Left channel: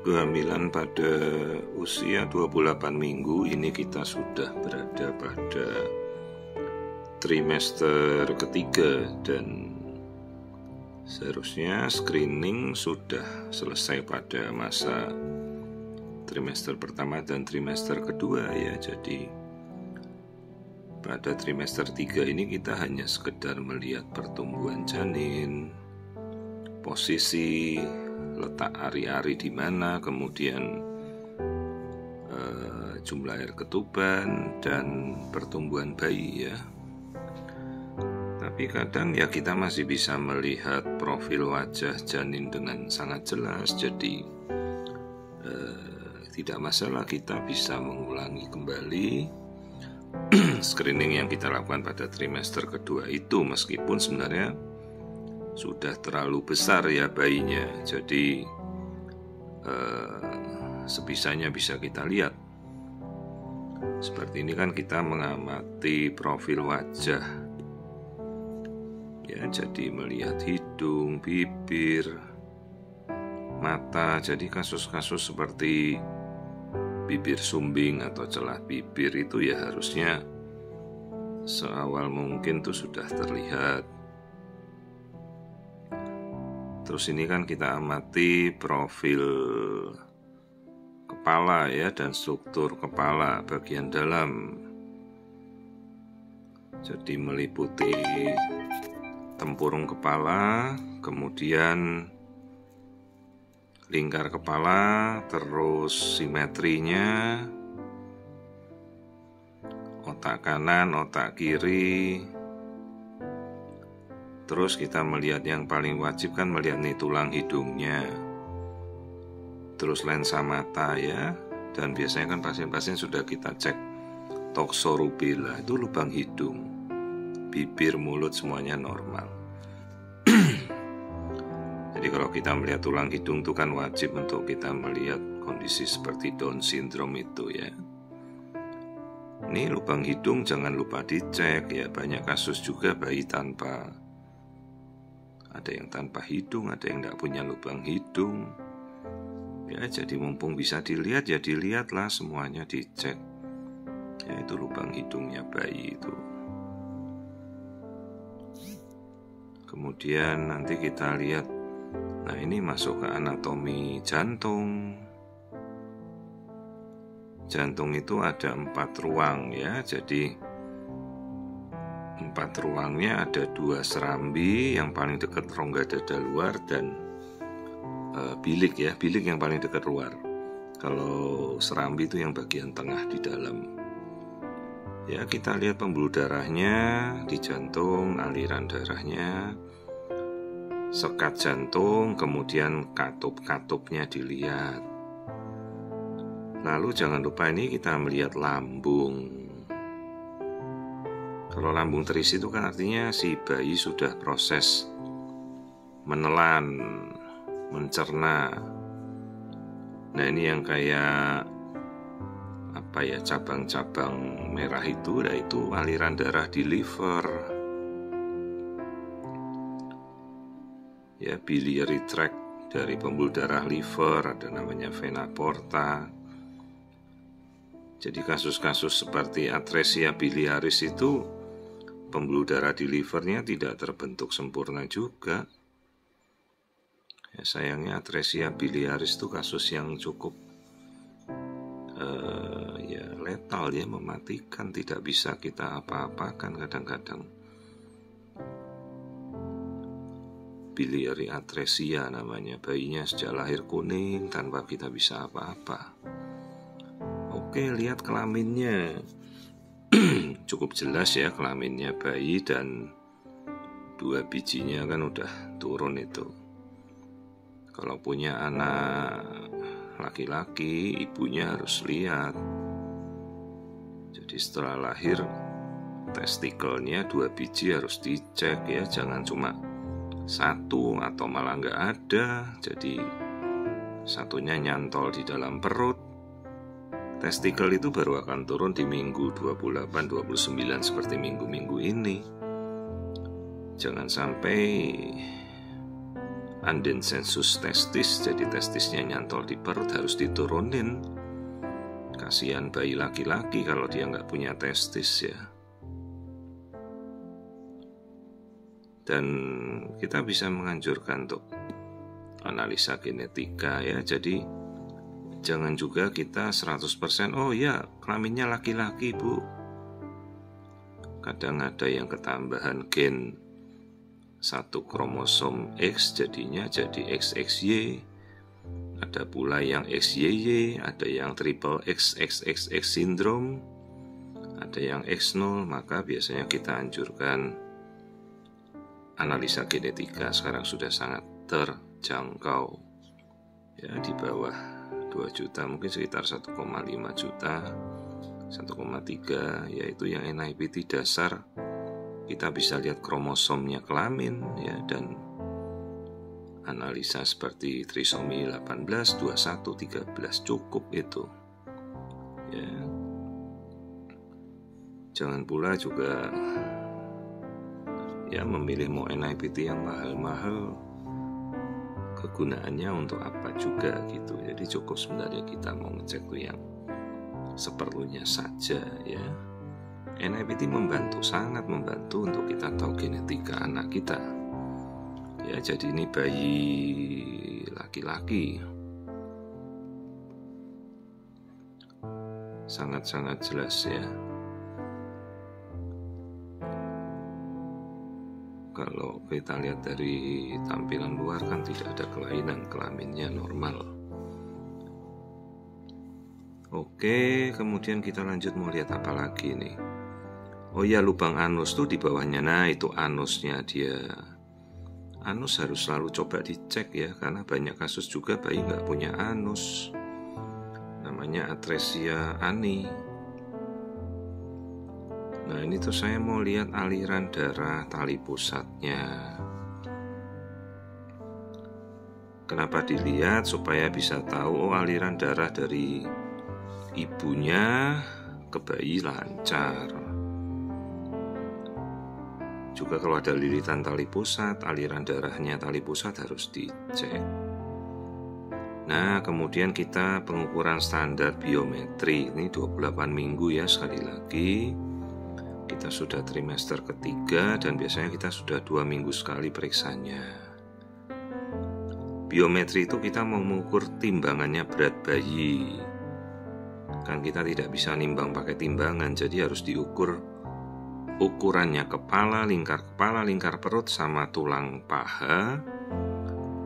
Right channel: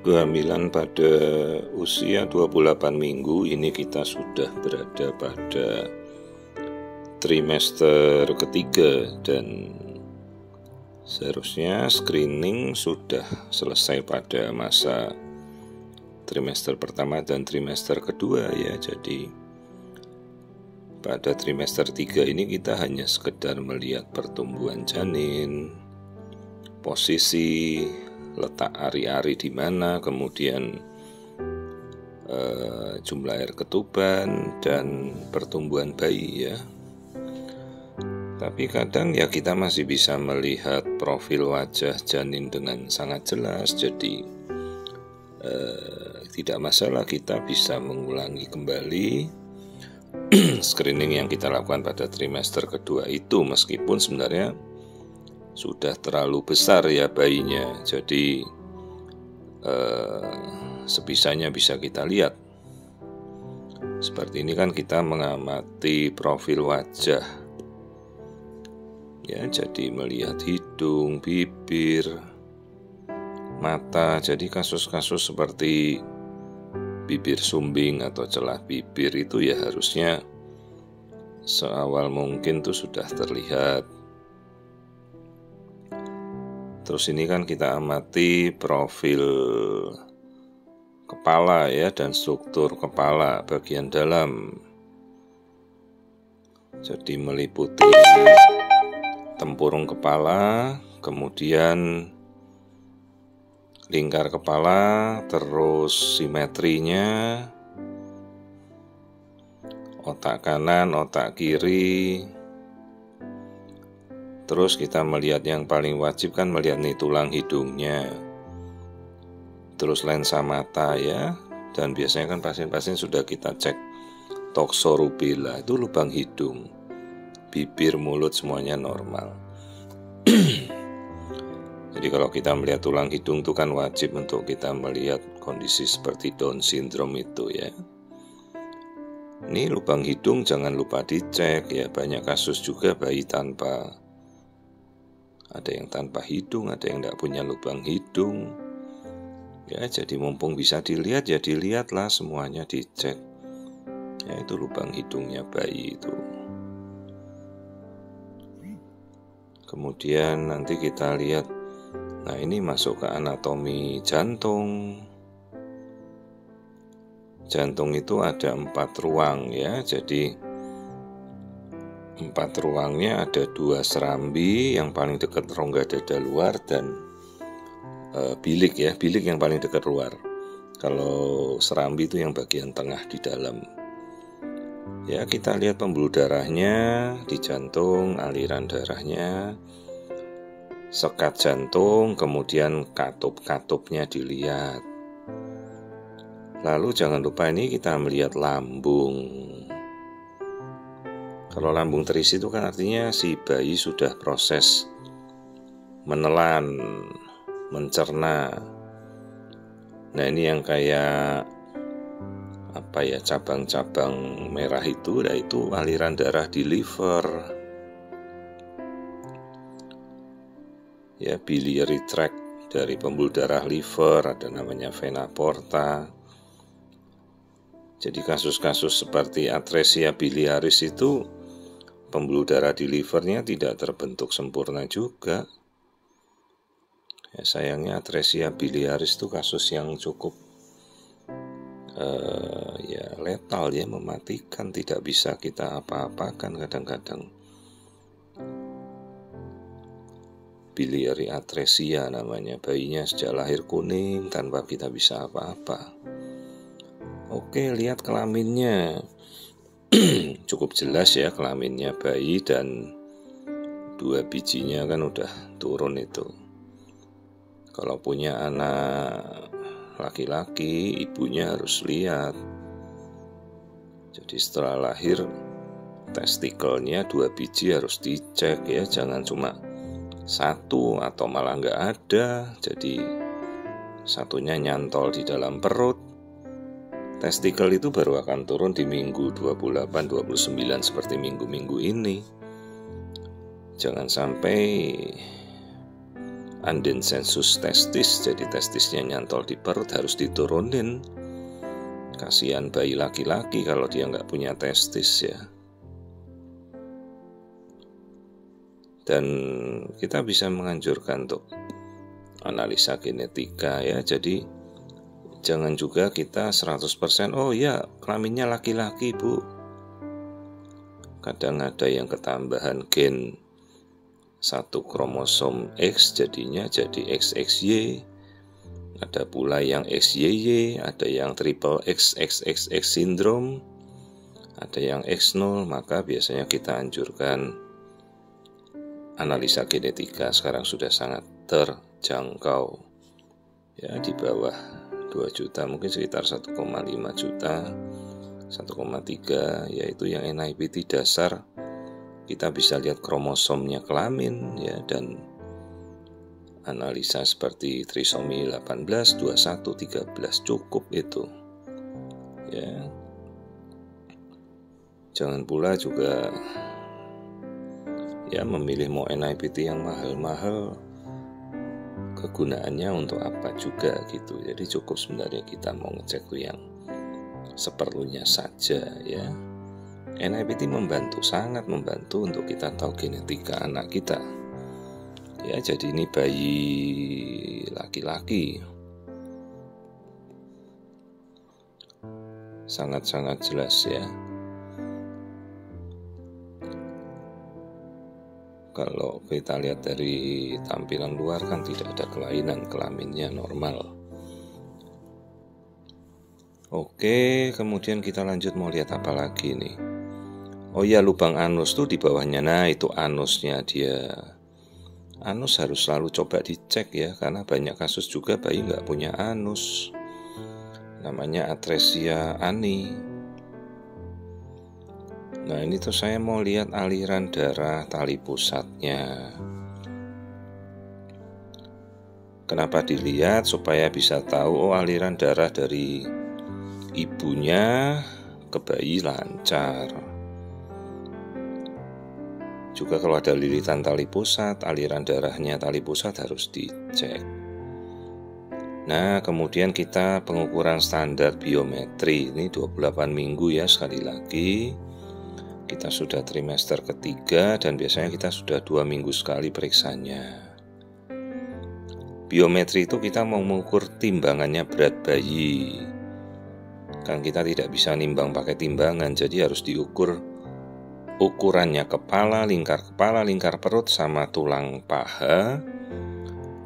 Kehamilan pada usia 28 minggu ini kita sudah berada pada trimester ketiga dan seharusnya screening sudah selesai pada masa trimester pertama dan trimester kedua ya. Jadi pada trimester 3 ini kita hanya sekedar melihat pertumbuhan janin, posisi letak ari-ari di mana, kemudian jumlah air ketuban dan pertumbuhan bayi ya. Tapi kadang ya kita masih bisa melihat profil wajah janin dengan sangat jelas. Jadi tidak masalah, kita bisa mengulangi kembali screening yang kita lakukan pada trimester kedua itu, meskipun sebenarnya sudah terlalu besar ya bayinya. Jadi sebisanya bisa kita lihat. Seperti ini kan kita mengamati profil wajah ya, jadi melihat hidung, bibir, mata. Jadi kasus-kasus seperti bibir sumbing atau celah bibir itu ya harusnya seawal mungkin tuh sudah terlihat. Terus ini kan kita amati profil kepala ya, dan struktur kepala bagian dalam. Jadi meliputi tempurung kepala, kemudian lingkar kepala, terus simetrinya, otak kanan, otak kiri. Terus kita melihat yang paling wajib kan melihat nih tulang hidungnya, terus lensa mata ya. Dan biasanya kan pasien-pasien sudah kita cek toxorubella, itu lubang hidung, bibir, mulut semuanya normal. Jadi kalau kita melihat tulang hidung itu kan wajib untuk kita melihat kondisi seperti Down syndrome itu ya. Ini lubang hidung jangan lupa dicek ya, banyak kasus juga bayi tanpa, ada yang tanpa hidung, ada yang tidak punya lubang hidung ya. Jadi mumpung bisa dilihat ya dilihatlah, semuanya dicek ya, itu lubang hidungnya bayi itu. Kemudian nanti kita lihat, nah ini masuk ke anatomi jantung. Jantung itu ada 4 ruang ya. Jadi 4 ruangnya ada 2 serambi, yang paling dekat rongga dada luar, dan bilik ya, bilik yang paling dekat luar. Kalau serambi itu yang bagian tengah di dalam. Ya, kita lihat pembuluh darahnya di jantung, aliran darahnya, sekat jantung, kemudian katup-katupnya dilihat. Lalu jangan lupa ini kita melihat lambung. Kalau lambung terisi itu kan artinya si bayi sudah proses menelan, mencerna. Nah ini yang kayak apa ya, cabang-cabang merah itu, yaitu aliran darah di liver ya, biliary tract dari pembuluh darah liver, ada namanya vena porta. Jadi kasus-kasus seperti atresia biliaris itu pembuluh darah di livernya tidak terbentuk sempurna juga ya. Sayangnya atresia biliaris itu kasus yang cukup ya letal ya, mematikan, tidak bisa kita apa-apakan kadang-kadang. Biliary atresia namanya, bayinya sejak lahir kuning tanpa kita bisa apa-apa. Oke, lihat kelaminnya. Cukup jelas ya kelaminnya bayi, dan 2 bijinya kan udah turun itu. Kalau punya anak laki-laki, ibunya harus lihat. Jadi setelah lahir testikelnya 2 biji harus dicek ya, jangan cuma 1 atau malah nggak ada. Jadi satunya nyantol di dalam perut. Testikel itu baru akan turun di minggu 28-29 seperti minggu-minggu ini. Jangan sampai undensensus testis, jadi testisnya nyantol di perut, harus diturunin. Kasihan bayi laki-laki kalau dia nggak punya testis ya. Dan kita bisa menganjurkan untuk analisa genetika ya. Jadi jangan juga kita 100% oh ya kelaminnya laki-laki bu. Kadang ada yang ketambahan gen satu kromosom X jadinya jadi XXY. Ada pula yang XYY, ada yang triple XXXX syndrome, ada yang X0, maka biasanya kita anjurkan analisa genetika. Sekarang sudah sangat terjangkau ya, di bawah 2 juta, mungkin sekitar 1,5 juta, 1,3, yaitu yang NIPT dasar. Kita bisa lihat kromosomnya kelamin ya, dan analisa seperti trisomi 18, 21, 13 cukup itu ya. Jangan pula juga ya memilih mau NIPT yang mahal-mahal, kegunaannya untuk apa juga gitu. Jadi cukup sebenarnya kita mau ngecek tuh yang seperlunya saja ya. NIPT membantu, sangat membantu untuk kita tahu genetika anak kita. Ya, jadi ini bayi laki-laki. Sangat-sangat jelas ya. Kalau kita lihat dari tampilan luar kan tidak ada kelainan, kelaminnya normal. Oke, kemudian kita lanjut mau lihat apa lagi nih. Oh ya, lubang anus tuh di bawahnya. Nah, itu anusnya dia. Anus harus selalu coba dicek ya, karena banyak kasus juga bayi nggak punya anus. Namanya atresia ani. Nah ini tuh saya mau lihat aliran darah tali pusatnya. Kenapa dilihat? Supaya bisa tahu oh aliran darah dari ibunya ke bayi lancar. Juga kalau ada lilitan tali pusat, aliran darahnya tali pusat harus dicek. Nah, kemudian kita pengukuran standar biometri. Ini 28 minggu ya, sekali lagi. Kita sudah trimester ketiga dan biasanya kita sudah 2 minggu sekali periksanya. Biometri itu kita mau mengukur timbangannya berat bayi. Kan kita tidak bisa nimbang pakai timbangan, jadi harus diukur ukurannya kepala, lingkar perut sama tulang paha.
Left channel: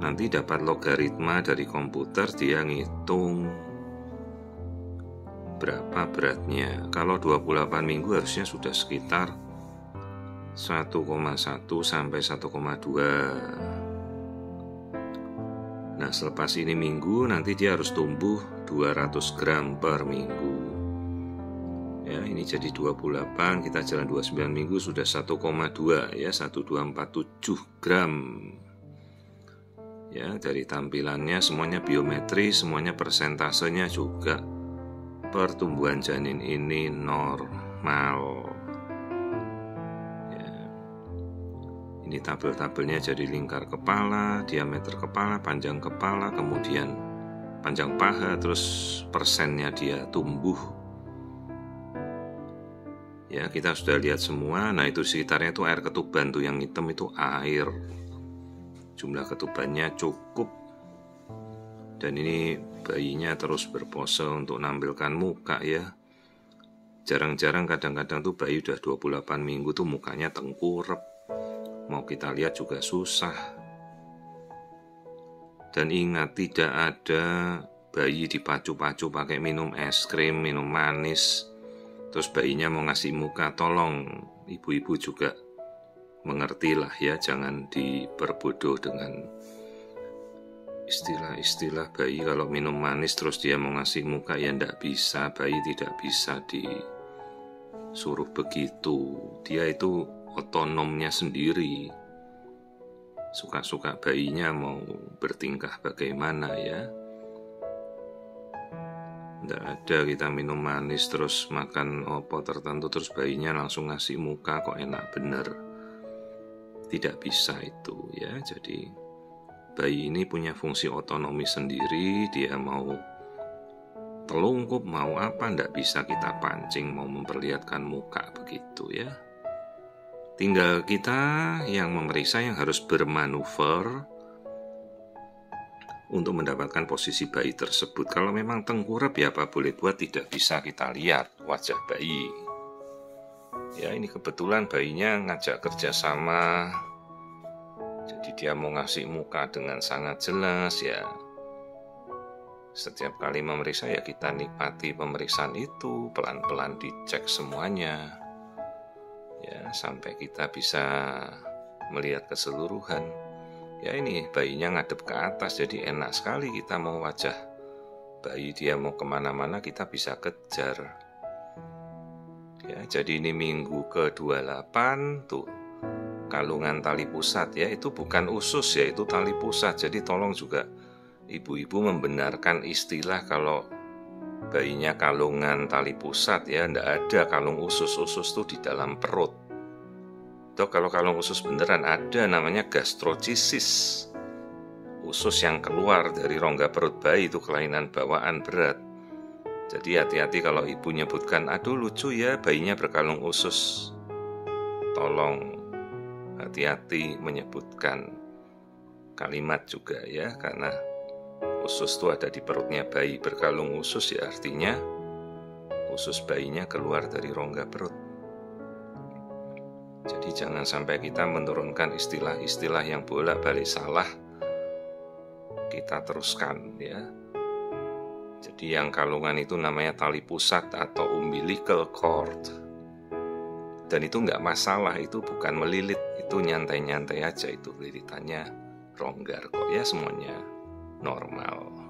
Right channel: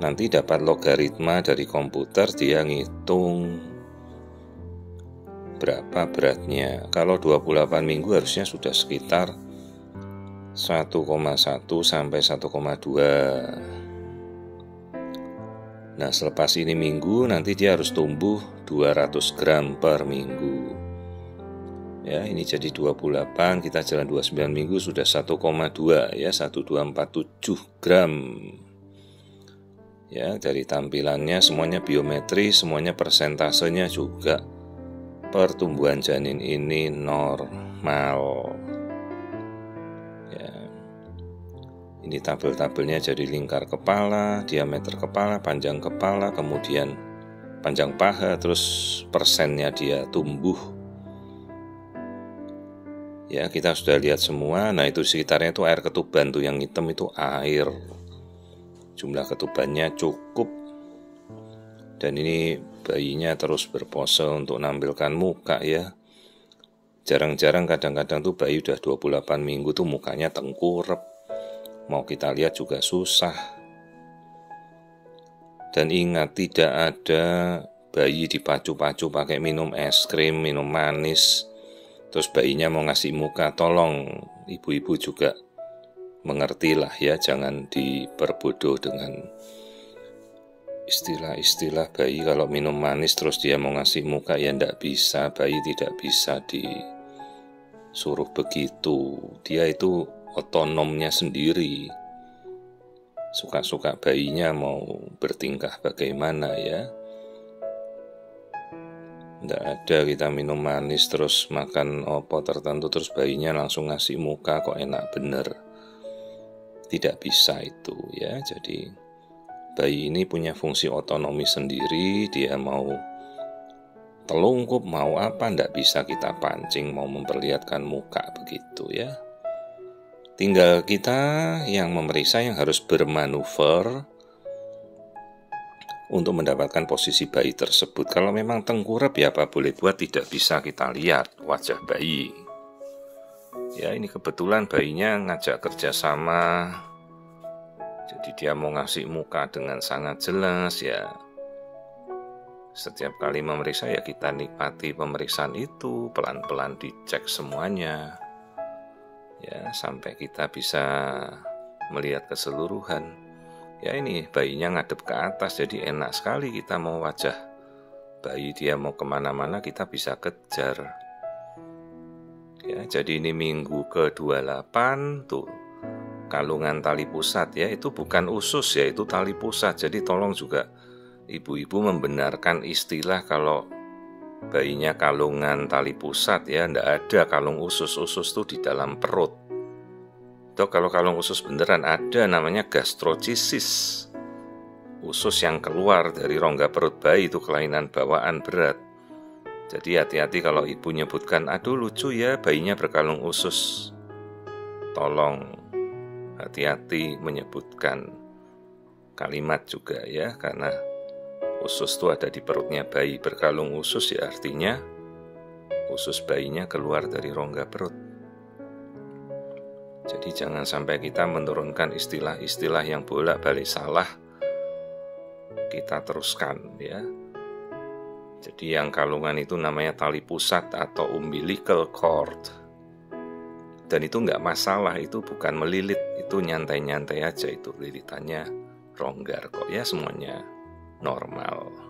Nanti dapat logaritma dari komputer, dia ngitung berapa beratnya. Kalau 28 minggu harusnya sudah sekitar 1,1 sampai 1,2. Nah, selepas ini minggu nanti dia harus tumbuh 200 gram per minggu. Ya, ini jadi 28, kita jalan 29 minggu sudah 1,2 ya, 1247 gram. Ya, dari tampilannya semuanya biometri, semuanya persentasenya juga pertumbuhan janin ini normal. Ya. Ini tabel-tabelnya jadi lingkar kepala, diameter kepala, panjang kepala, kemudian panjang paha, terus persennya dia tumbuh. Ya, kita sudah lihat semua. Nah, itu sekitarnya itu air ketuban tuh, yang hitam itu air. Jumlah ketubannya cukup. Dan ini bayinya terus berpose untuk nampilkan muka ya. Jarang-jarang kadang-kadang tuh bayi udah 28 minggu tuh mukanya tengkurap. Mau kita lihat juga susah. Dan ingat, tidak ada bayi dipacu-pacu pakai minum es krim, minum manis, terus bayinya mau ngasih muka. Tolong ibu-ibu juga mengertilah ya, jangan diperbodoh dengan istilah-istilah bayi kalau minum manis terus dia mau ngasih muka. Ya ndak bisa, bayi tidak bisa disuruh begitu. Dia itu otonomnya sendiri. Suka-suka bayinya mau bertingkah bagaimana ya. Nggak ada kita minum manis terus makan opo tertentu terus bayinya langsung ngasih muka kok enak bener. Tidak bisa itu ya. Jadi bayi ini punya fungsi otonomi sendiri. Dia mau telungkup, mau apa, ndak bisa kita pancing, mau memperlihatkan muka begitu ya. Tinggal kita yang memeriksa yang harus bermanuver untuk mendapatkan posisi bayi tersebut. Kalau memang tengkurap ya apa boleh buat, tidak bisa kita lihat wajah bayi. Ya ini kebetulan bayinya ngajak kerjasama, jadi dia mau ngasih muka dengan sangat jelas ya. Setiap kali memeriksa ya kita nikmati pemeriksaan itu, pelan-pelan dicek semuanya ya, sampai kita bisa melihat keseluruhan. Ya ini bayinya ngadep ke atas, jadi enak sekali kita mau wajah bayi dia mau kemana-mana kita bisa kejar. Ya, jadi ini minggu ke-28 tuh kalungan tali pusat ya, itu bukan usus ya, itu tali pusat. Jadi tolong juga ibu-ibu membenarkan istilah kalau bayinya kalungan tali pusat ya, ndak ada kalung usus. Usus tuh di dalam perut. Tuh kalau kalung usus beneran ada, namanya gastrocisis. Usus yang keluar dari rongga perut bayi itu kelainan bawaan berat. Jadi hati-hati kalau ibu nyebutkan, aduh lucu ya bayinya berkalung usus. Tolong hati-hati menyebutkan kalimat juga ya, karena usus itu ada di perutnya bayi. Berkalung usus ya artinya usus bayinya keluar dari rongga perut. Jadi jangan sampai kita menurunkan istilah-istilah yang bolak-balik salah, kita teruskan ya. Jadi yang kalungan itu namanya tali pusat atau umbilical cord. Dan itu nggak masalah, itu bukan melilit, itu nyantai-nyantai aja, itu lilitannya longgar kok ya, semuanya normal.